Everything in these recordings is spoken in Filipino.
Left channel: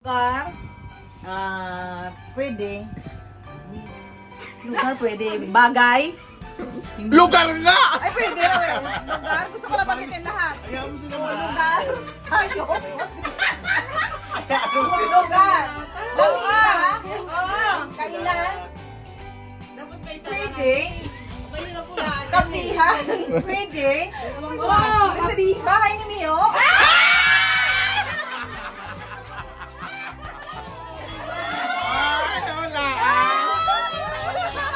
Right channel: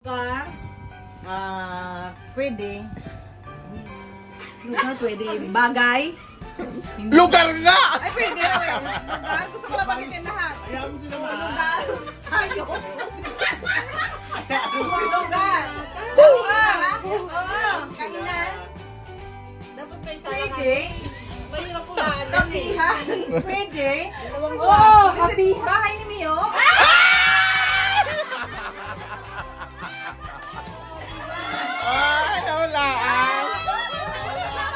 Lugar? Pwede. Lugar pwede. Bagay? Lugar na! Ay, pwede raw eh. Lugar? Gusto ko lang bagitin lahat. Ayaw mo sila Lugar? Ayun. Lugar? Lugar? Oo. Kainan? Dapat may isa Pwede. Mahirap po na. Kapihan? Pwede. Wow! Bahay ni Mio? Ito lang.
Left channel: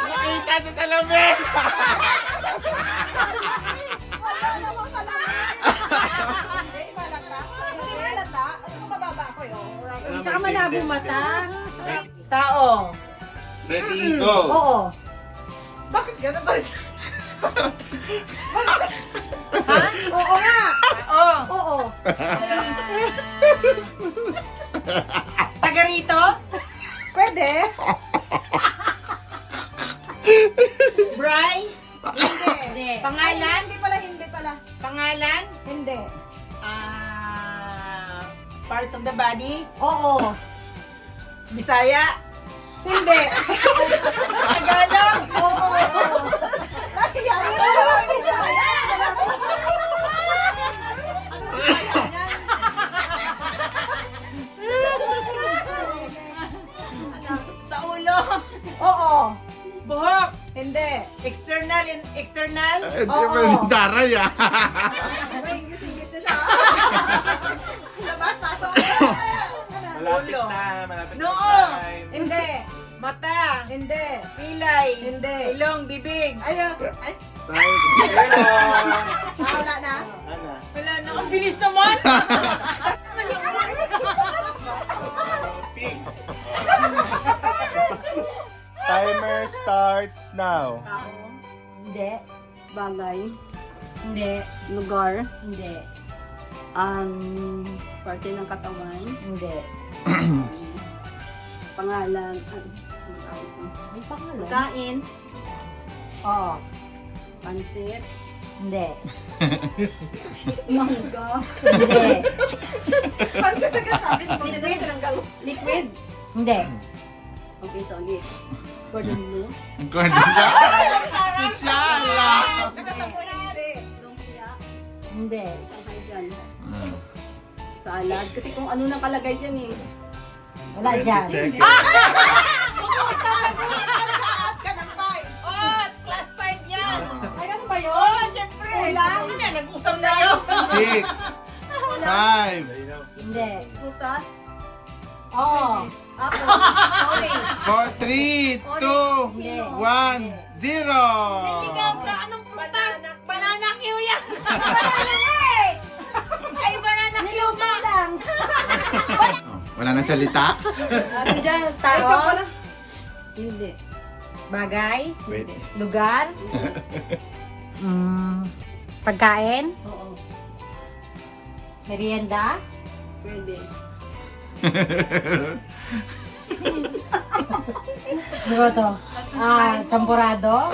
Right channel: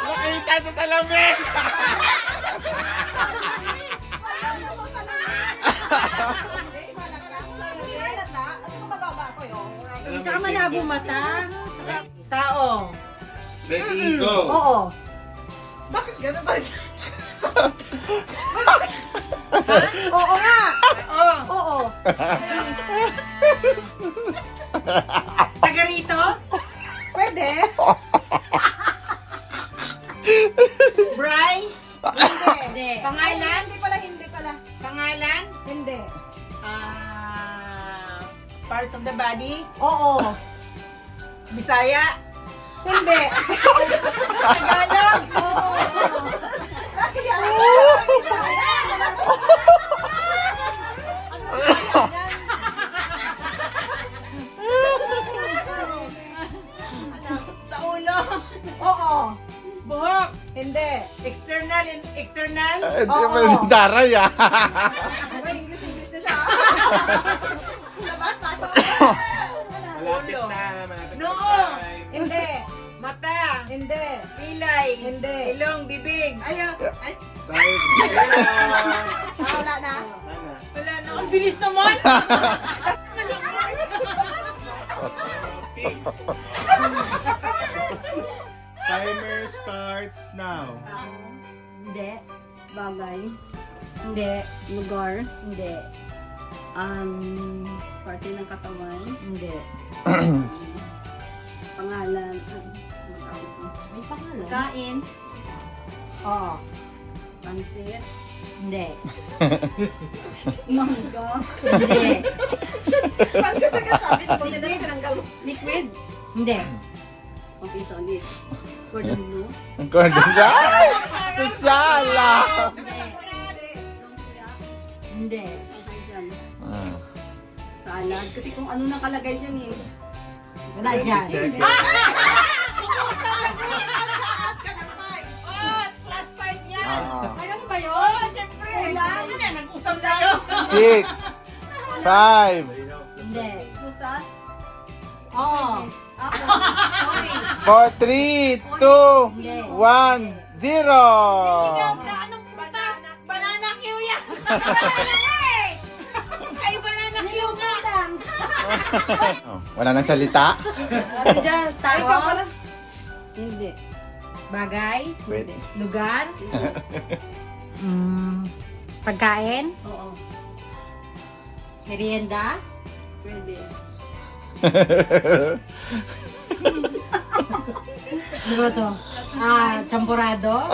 Nakita sa salamin. Tsaka malabo mata. Tao. Ready, go. Oo. Bakit gano'n ba? Ha? Oo nga. Oo. Oo. Taga rito? Pwede. Bry? Hindi. Pangalan? Hindi pala, hindi pala. Pangalan? Hindi. Parts of the body? Oo. Bisaya? Hindi. Tagalog? Oo. Sa ulo? Oo. Buhok? Hindi. External and external? Oo. Daray ah. May English na siya. Labas, pasok. Ulo. Malapit Noo. Hindi. Mata? Hindi. Pilay? Hindi. Ilong? Bibig? Ayaw. Ay, wala na. Wala na. Ang bilis naman! Timer starts now. Hindi. Bagay. Hindi. Lugar. Hindi. Parte ng katawan. Hindi. Pangalan. May pangalan? Kain. Oo. Pansit. Hindi. Mangga. Hindi. Pansit agad sabi ko. Liquid. Hindi. Okay, solid. Cordon bleu. Ang cordon siya. Sosyala. Hindi. Sangkay dyan. Salad. Kasi kung ano nang kalagay dyan eh. Wala dyan. Lahat ka ng five. Oh, class 5 yan! Ay, ano ba yun? Oh, syempre! Ano na, nag-usap tayo! 6, 5, Hindi. Putas. Oo. Apple. Orange. 4, 3, 2, 1, 0. Ikaw na, anong prutas? Banana Q yan! Ay, banana Q ka! Lang. Wala nang salita? Ano dyan? Ikaw Tao? pala. Hindi. Bagay? Pwede. Lugar? Pagkain? Oo. Merienda? Pwede. Ano ba to? Champurado?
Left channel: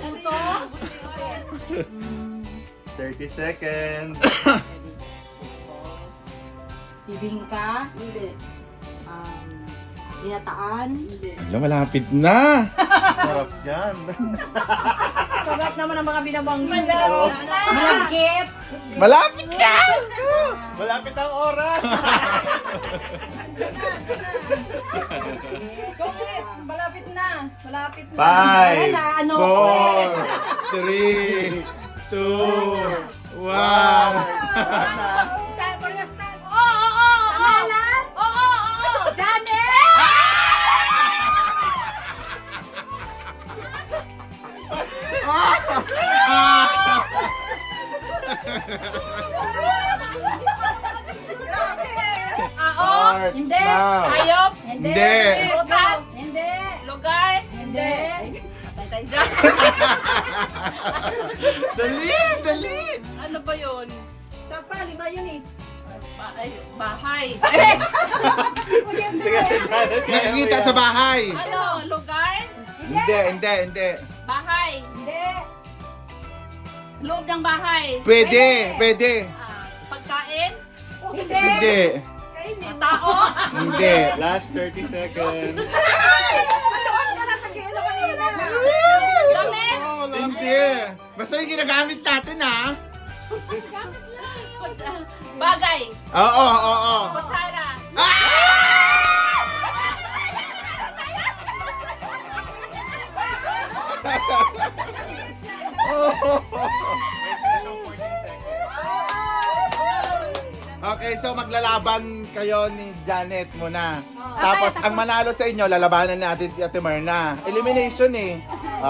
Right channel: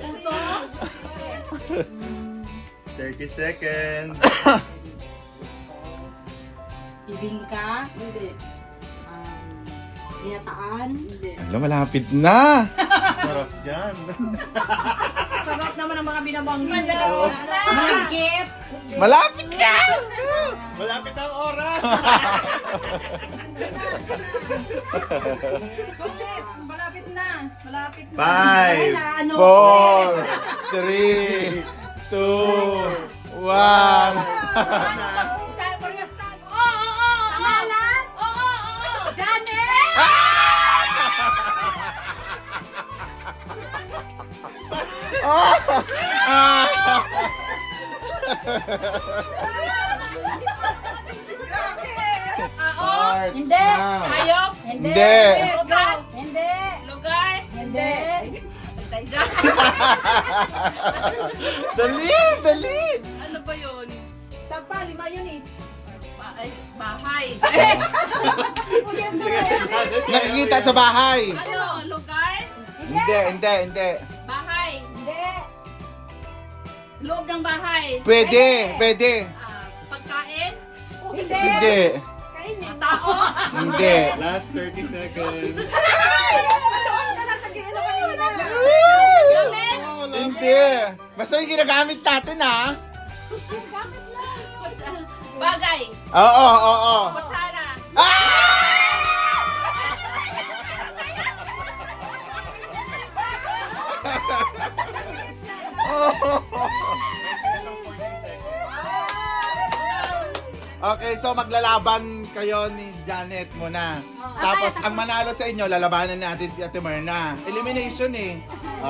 Puto? 30 seconds. Bibingka? Hindi. Binataan? Hindi. Alam, malapit na. Sarap yan. Sarap naman ang mga binabanggi. Malagkit? Malapit na. Malapit ang oras. Congrats! Malapit na. Malapit na. 5, Wala, ano? 4, 3, 2, 1. Pangalan? Janet? Starts Hindi. now. Hayop? Hindi. Prutas? Hindi. Lugar? Hindi. Tay dyan. Dali, dali. Ano ba yun? Sapa, lima yun eh. Bahay. Nakikita sa bahay. Ano? Lugar? Hindi. Bahay. Hindi. Loob ng bahay. Pwede. Pagkain? Hindi. Tao. Hindi. Last 30 seconds. Matuon ka na sa gino kanina. Damit. Hindi. Basta yung ginagamit natin, ha? Bagay. Oo, oo, oo. Kutsara. Okay, so maglalaban kayo ni Janet muna. Tapos ang manalo sa inyo, lalabanan natin si Ate Myrna. Elimination eh.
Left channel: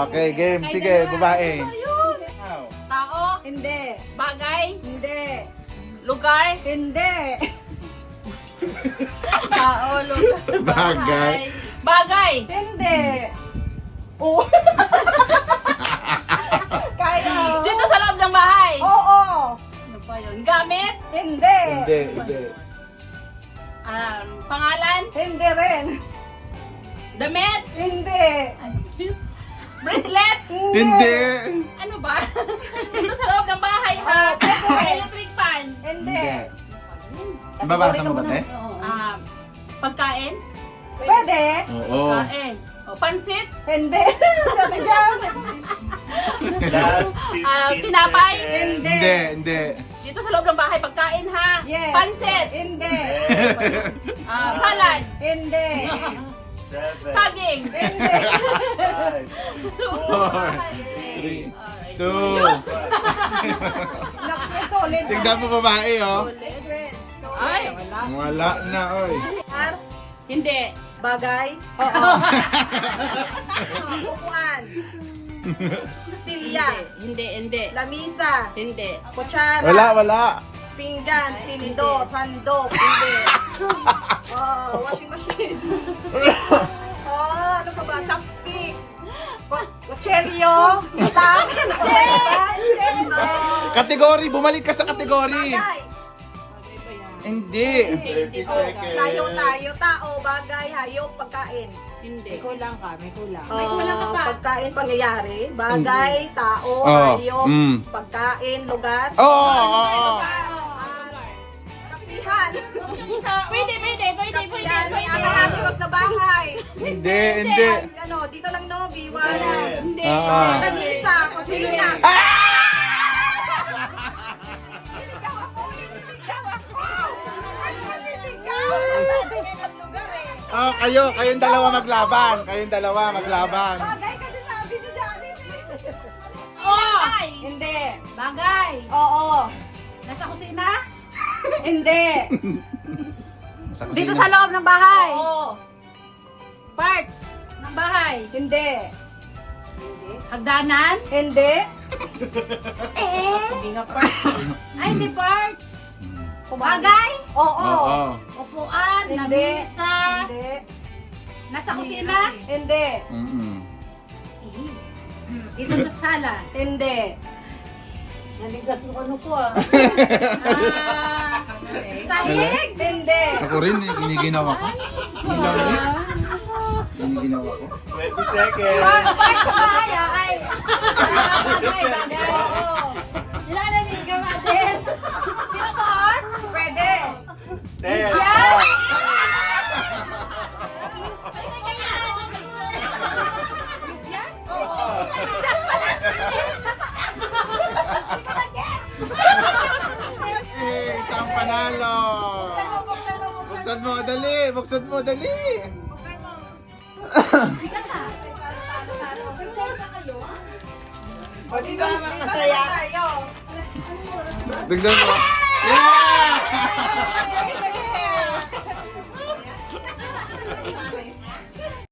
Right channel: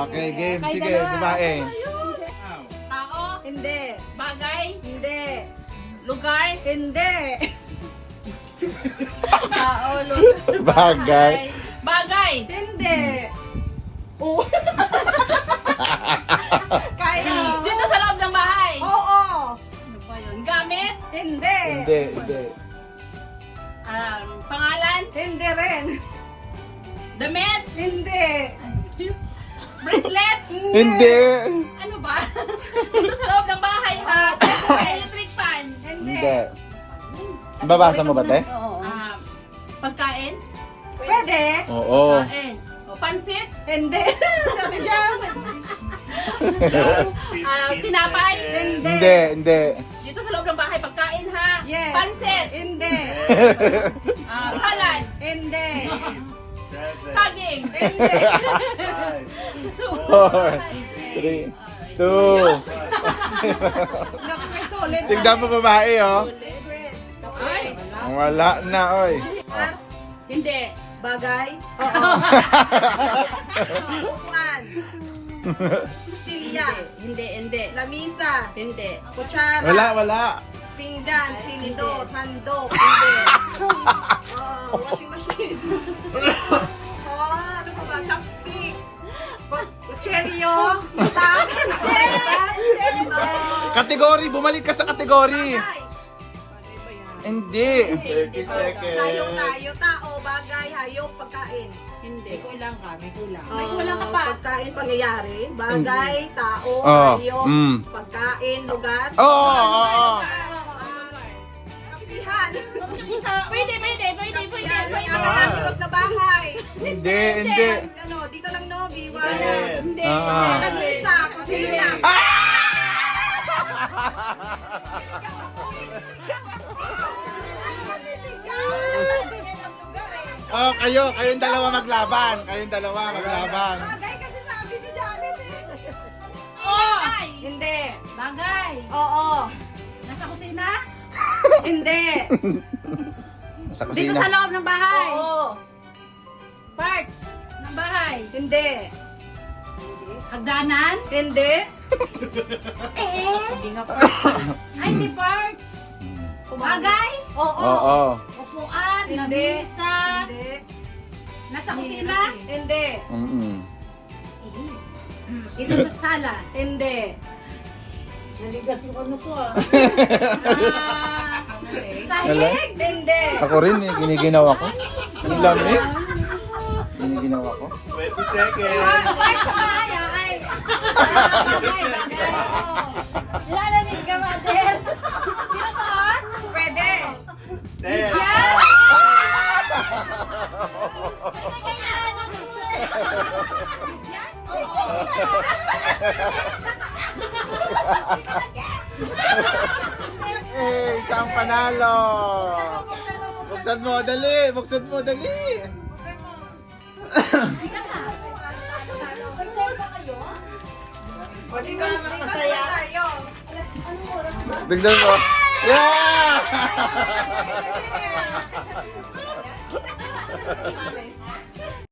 Okay, game. Sige, babae. Tao. Hindi. Bagay. Hindi. Lugar. Hindi. Tao. Lugar. Bagay. Bagay. Hindi. Oo. Kaya. Dito sa loob ng bahay. Oo. Ano ba yun? Gamit. Hindi. Hindi, hindi. Pangalan. Hindi rin. Damit. Hindi. Bracelet. Hindi. Ano ba? Dito sa loob ng bahay ha. Electric fan. Hindi. Hindi. Babasa mo ba, te? Pagkain. Pwede. Oo. Pagkain. Pansit. Hindi. Sabi dyan. Last 15 Tinapay. seconds. Hindi, hindi. Dito sa loob ng bahay, pagkain ha. Yes. Pansit. Hindi. Salad. Hindi. 7, Saging. Hindi. 5, 4, 3, 2. Naku, solid. Tignan mo babae, oh. Solid. Ay. Wala na, oy. Ar, Hindi. bagay. Oo. Upuan. Silya. Hindi. Lamisa. Hindi. Kutsara. Wala. Pinggan. Tinidor. Handog. Hindi. Washing machine. Ano pa ba? Chopstick. Kutselyo. Itak. Hindi. Kategory, bumalik ka sa kategory. Bagay. Hindi. 30 seconds. Tayo. Tao. Bagay. Hayop. Pagkain. Hindi. Kulang ka, may kulang. May kulang ka pa. Pagkain, pangyayari. Bagay. Tao. Oh, Hayop. mm. Pagkain. Lugar. Oo. Kapihan. Pwede. Nakakatiros na bahay. Hindi. Dito lang no, B1. 10, Hindi. Lamisa, kusina. Oh, kayong dalawa maglaban. Bagay kasi sabi ni Janet eh. Oh. Hindi. Bagay. Oo. Nasa kusina. Hindi. Dito sa loob ng bahay. Oo. Parts ng bahay. Hindi. Hagdanan. Hindi. Hindi nga parts. Ay, hindi parts. Bagay. Oo. Upuan. Hindi. Lamisa. Hindi. Nasa kusina. Hindi. Dito sa sala. Hindi. Sahig. Hindi. Ako rin, giniginawa ko. Yung lamig. Giniginawa ko. 20 seconds. Parts sa bahay ay. Bagay. Oo. Ilalamig ka natin. Sino sa heart? Pwede. 10. Eh, siya ang panalo. Buksan mo, dali. Masaya. Tignan mo. Yeah!